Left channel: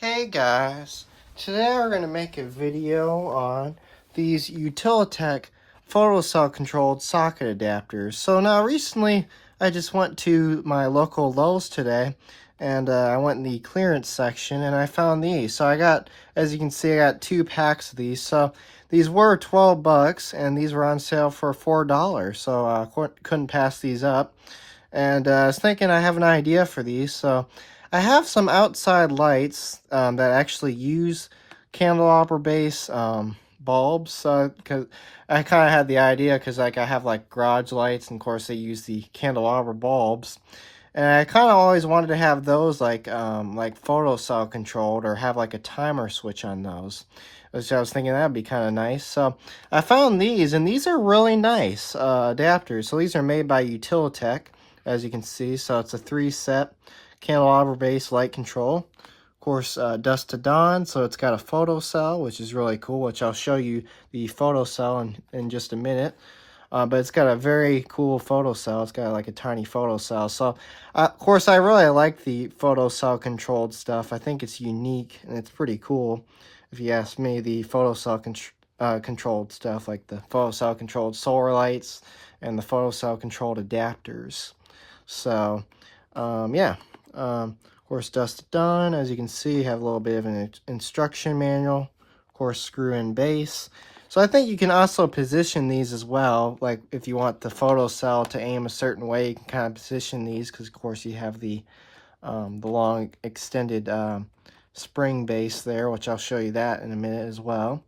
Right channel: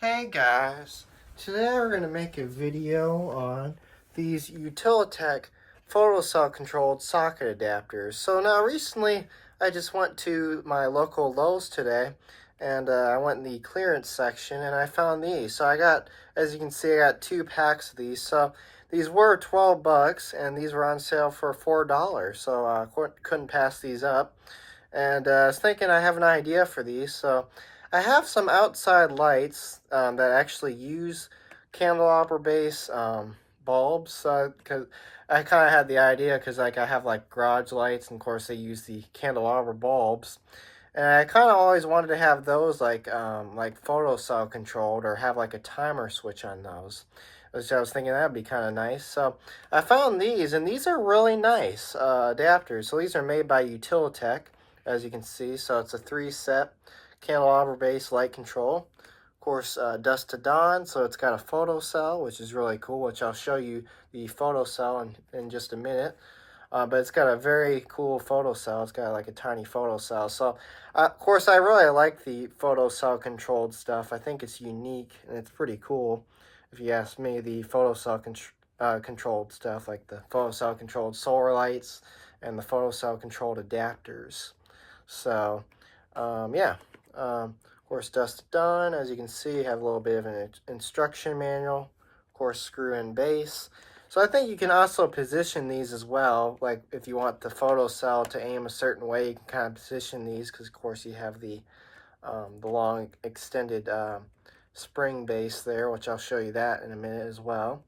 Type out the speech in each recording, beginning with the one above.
Hey guys, today we're going to make a video on these UTILITECH photocell controlled socket adapters. So now recently I just went to my local Lowe's today and I went in the clearance section and I found these. So I got, as you can see, I got 2 packs of these. So these were 12 bucks and these were on sale for $4. So I couldn't pass these up. And I was thinking I have an idea for these. So I have some outside lights that actually use candelabra base bulbs. Cause I kind of had the idea because like I have like garage lights, and of course they use the candelabra bulbs. And I kind of always wanted to have those like photocell controlled, or have like a timer switch on those. So I was thinking that'd be kind of nice. So I found these, and these are really nice adapters. So these are made by UTILITECH, as you can see. So it's a 3-set candelabra base light control. Of course, dusk to dawn, so it's got a photocell, which is really cool, which I'll show you the photocell in just a minute. But it's got a very cool photocell. It's got like a tiny photocell. So, of course, I really like the photocell controlled stuff. I think it's unique and it's pretty cool. If you ask me, the photocell controlled stuff, like the photocell controlled solar lights and the photocell controlled adapters. So, yeah. Of course, dusk to dawn. As you can see, you have a little bit of an instruction manual. Of course, screw-in base. So I think you can also position these as well. Like if you want the photocell to aim a certain way, you can kind of position these, because of course you have the long extended spring base there, which I'll show you that in a minute as well.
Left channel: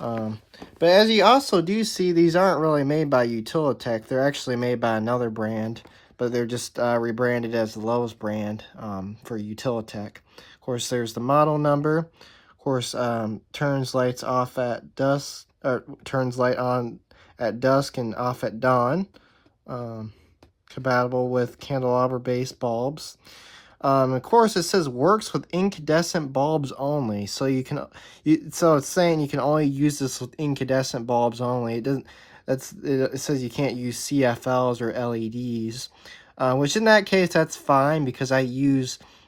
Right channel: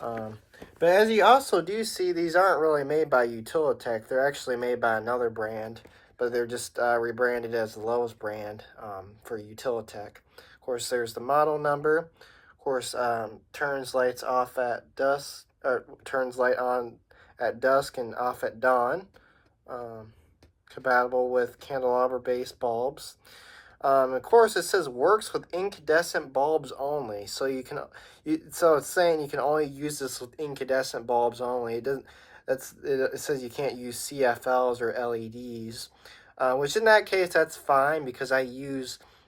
But as you also do see, these aren't really made by UTILITECH. They're actually made by another brand, but they're just rebranded as the Lowe's brand for UTILITECH. Of course, there's the model number. Of course, turns lights off at dusk, or turns light on at dusk and off at dawn. Compatible with candelabra-based bulbs. Of course, it says works with incandescent bulbs only. So so it's saying you can only use this with incandescent bulbs only. It doesn't. It says you can't use CFLs or LEDs, which in that case that's fine, because I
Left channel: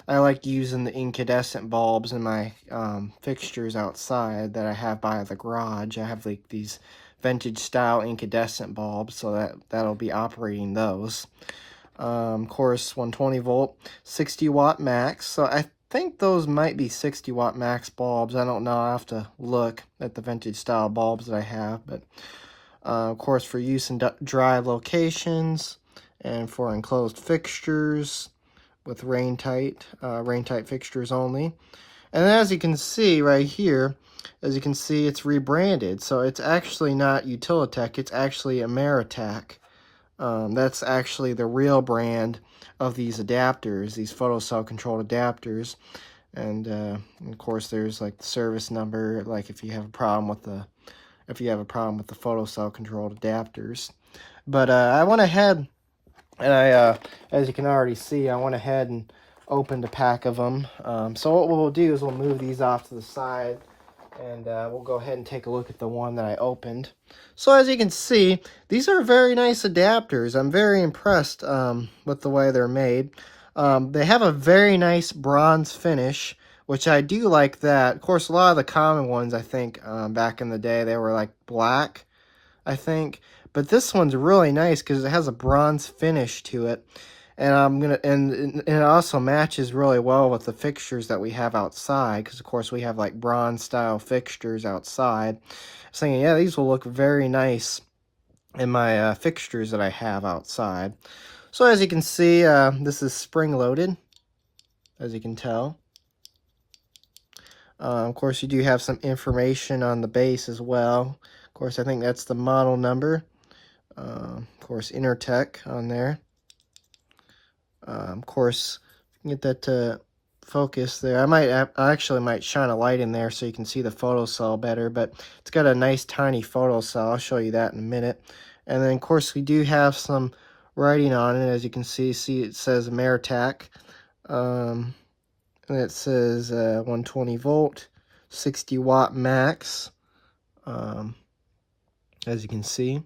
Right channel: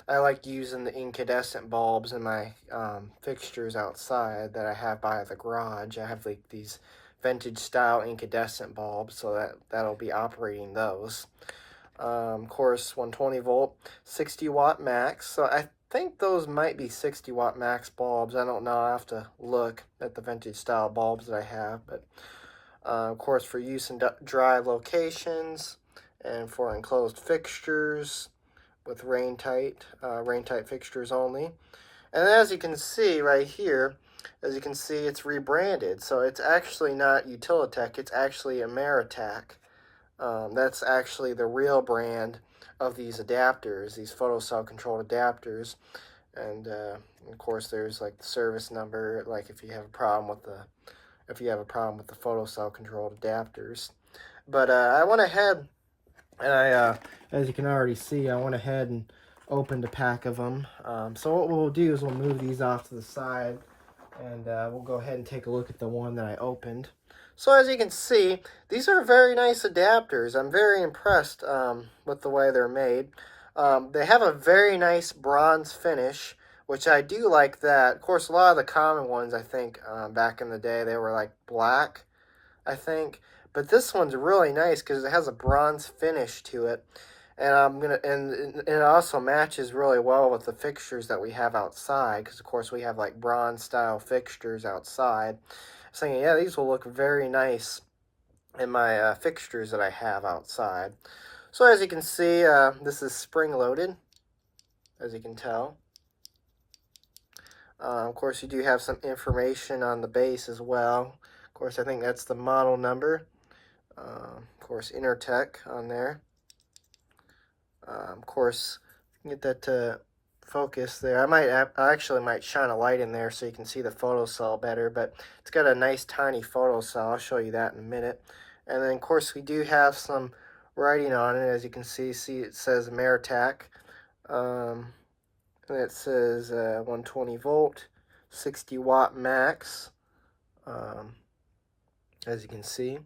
like using the incandescent bulbs in my fixtures outside that I have by the garage. I have like these vintage style incandescent bulbs, so that'll be operating those. Of course, 120 volt, 60 watt max. So I think those might be 60 watt max bulbs. I don't know. I'll have to look at the vintage style bulbs that I have. But of course, for use in dry locations and for enclosed fixtures with rain tight fixtures only. And then as you can see right here, it's rebranded. So it's actually not UTILITECH, it's actually Ameritech. That's actually the real brand of these adapters, these photocell controlled adapters. And of course there's like the service number, like if you have a problem with the photocell controlled adapters. But I went ahead and as you can already see, I went ahead and opened a pack of them. So what we'll do is we'll move these off to the side, and we'll go ahead and take a look at the one that I opened. So as you can see, these are very nice adapters. I'm very impressed with the way they're made. They have a very nice bronze finish, which I do like that. Of course, a lot of the common ones, I think, back in the day, they were like black, I think. But this one's really nice because it has a bronze finish to it. And and it also matches really well with the fixtures that we have outside, because of course we have like bronze style fixtures outside. I was thinking, yeah, these will look very nice in my fixtures that I have outside. So as you can see, this is spring loaded, as you can tell. Of course, you do have some information on the base as well. Of course, I think that's the model number. Of course, Intertech on there. Of course, get that to focus there. I actually might shine a light in there so you can see the photocell better, but it's got a nice tiny photocell. I'll show you that in a minute. And then, of course, we do have some writing on it. As you can see it says Ameritech. And it says 120 volt, 60 watt max. As you can see,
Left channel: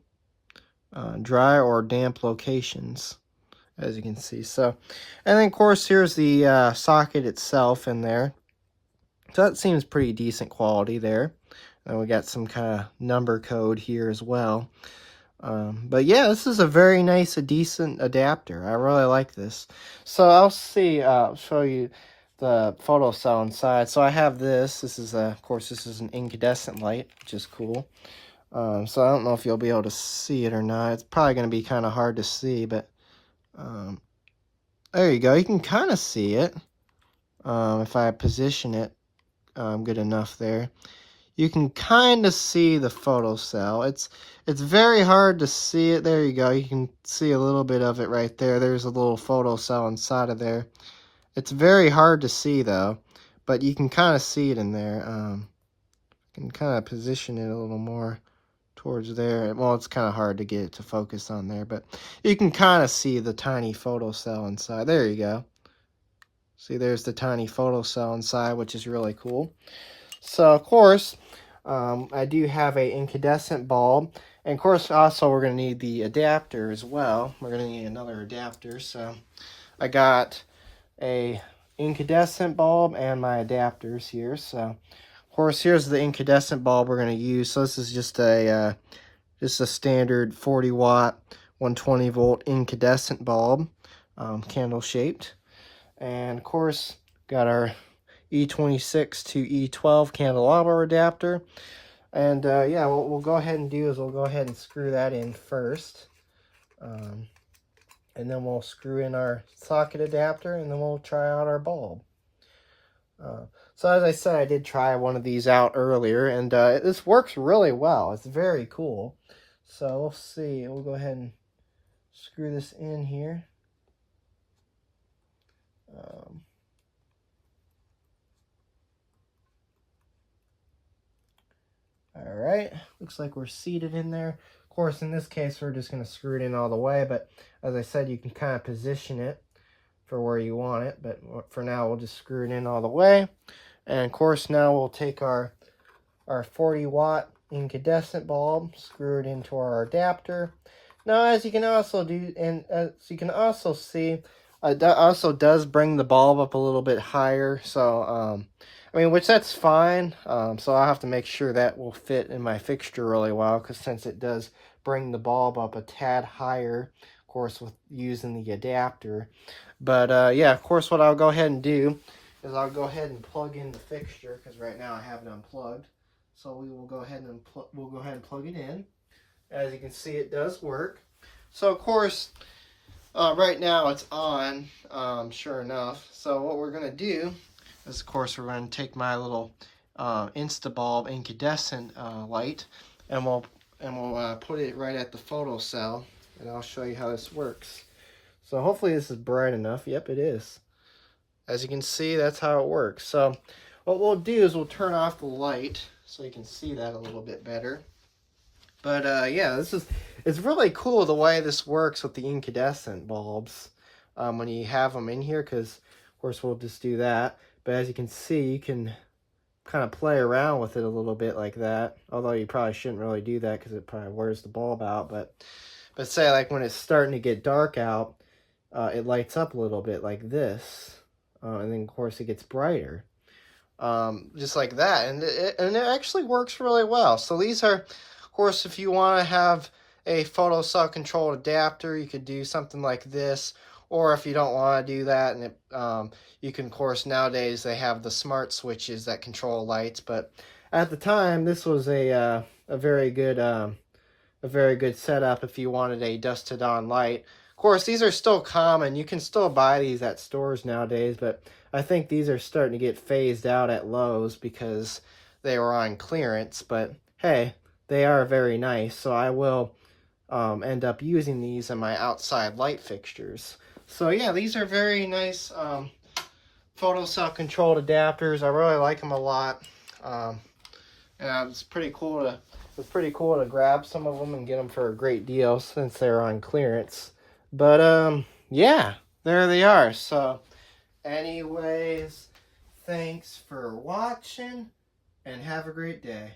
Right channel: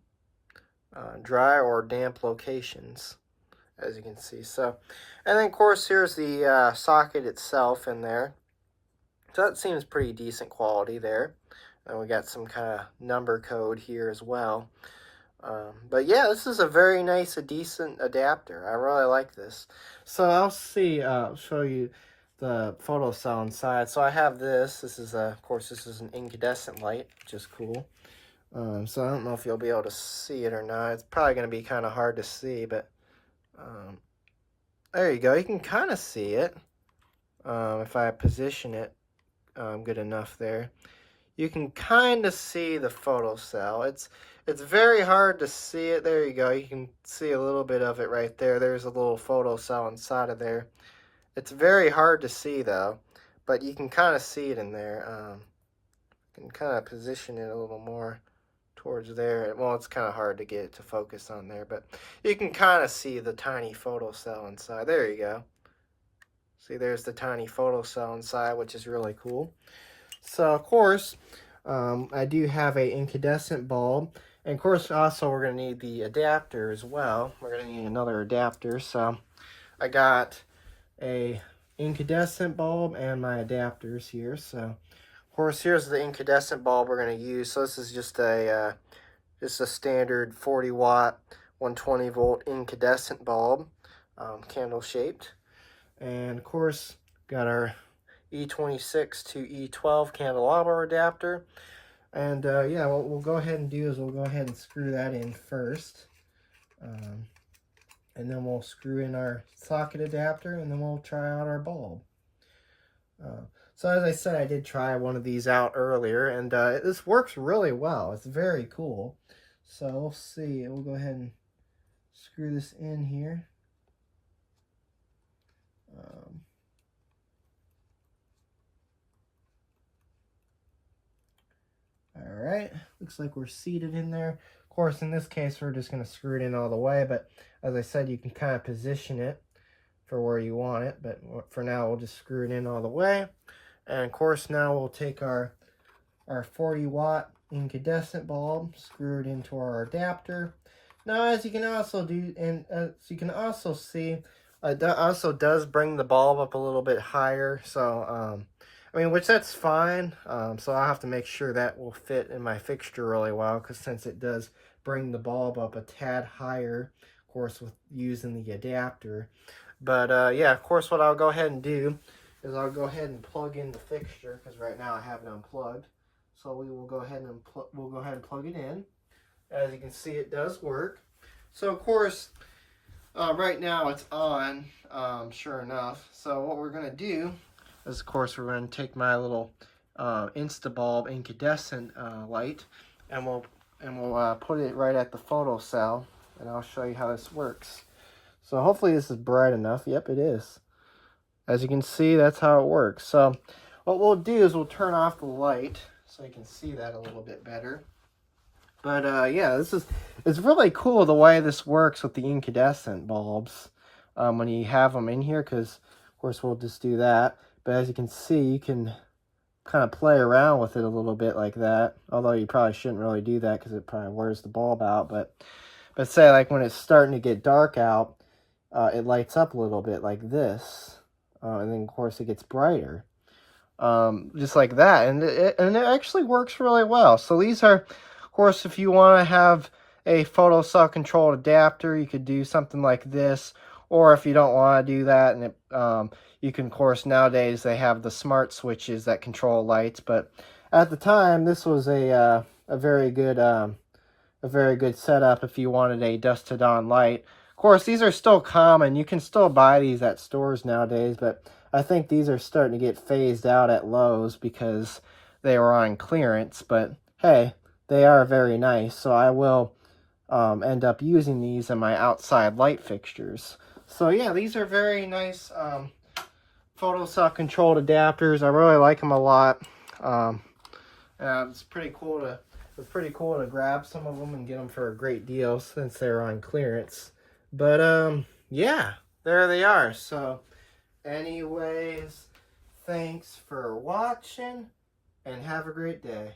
dry or damp locations, as you can see. So, and then of course here's the socket itself in there. So that seems pretty decent quality there. And we got some kind of number code here as well. But yeah, this is a very nice, decent adapter. I really like this. So I'll show you the photocell inside. So I have this. This is, of course, this is an incandescent light, which is cool. So I don't know if you'll be able to see it or not. It's probably going to be kind of hard to see, but there you go. You can kind of see it if I position it good enough there. You can kind of see the photocell. It's very hard to see it. There you go. You can see a little bit of it right there. There's a little photocell inside of there. It's very hard to see though, but you can kind of see it in there. You can kind of position it a little more towards there. Well, it's kind of hard to get it to focus on there, but you can kind of see the tiny photocell inside. There you go. See, there's the tiny photocell inside, which is really cool. So, of course, I do have a incandescent bulb. And, of course, also we're going to need the adapter as well. We're going to need another adapter. So, I got a incandescent bulb and my adapters here. So, of course, here's the incandescent bulb we're going to use. So, this is just a standard 40-watt, 120-volt incandescent bulb, candle-shaped. And, of course, got our E26 to E12 candelabra adapter. And yeah, what we'll go ahead and do is we'll go ahead and screw that in first. And then we'll screw in our socket adapter, and then we'll try out our bulb. So as I said, I did try one of these out earlier, and this works really well. It's very cool. So we'll see. We'll go ahead and screw this in here. Alright, looks like we're seated in there. Of course, in this case, we're just going to screw it in all the way, but as I said, you can kind of position it for where you want it, but for now, we'll just screw it in all the way. And of course, now we'll take our 40-watt incandescent bulb, screw it into our adapter. Now, as you can also do, and as you can also see, that also does bring the bulb up a little bit higher, so I mean, which that's fine. So I'll have to make sure that will fit in my fixture really well, because since it does bring the bulb up a tad higher, of course, with using the adapter. But yeah, of course, what I'll go ahead and do is I'll go ahead and plug in the fixture, because right now I have it unplugged. So we will go ahead and plug it in. As you can see, it does work. So of course, right now it's on, sure enough. So what we're going to do is, of course, we're going to take my little Instabulb incandescent light, and we'll put it right at the photocell, and I'll show you how this works. So hopefully this is bright enough. Yep, it is. As you can see, that's how it works. So what we'll do is we'll turn off the light so you can see that a little bit better. But yeah, it's really cool the way this works with the incandescent bulbs when you have them in here, because of course we'll just do that. But as you can see, you can kind of play around with it a little bit like that. Although you probably shouldn't really do that because it probably wears the bulb out. But say like when it's starting to get dark out, it lights up a little bit like this. And then of course it gets brighter. Just like that. And it actually works really well. So these are, of course, if you want to have a photocell controlled adapter, you could do something like this. Or if you don't want to do that, and you can, of course, nowadays they have the smart switches that control lights. But at the time, this was a very good setup if you wanted a dusk to dawn light. Of course, these are still common. You can still buy these at stores nowadays, but I think these are starting to get phased out at Lowe's because they were on clearance. But hey, they are very nice, so I will end up using these in my outside light fixtures. So yeah, these are very nice photocell controlled adapters. I really like them a lot. It's pretty cool to grab some of them and get them for a great deal since they're on clearance. But yeah, there they are. So anyways, thanks for watching and have a great day.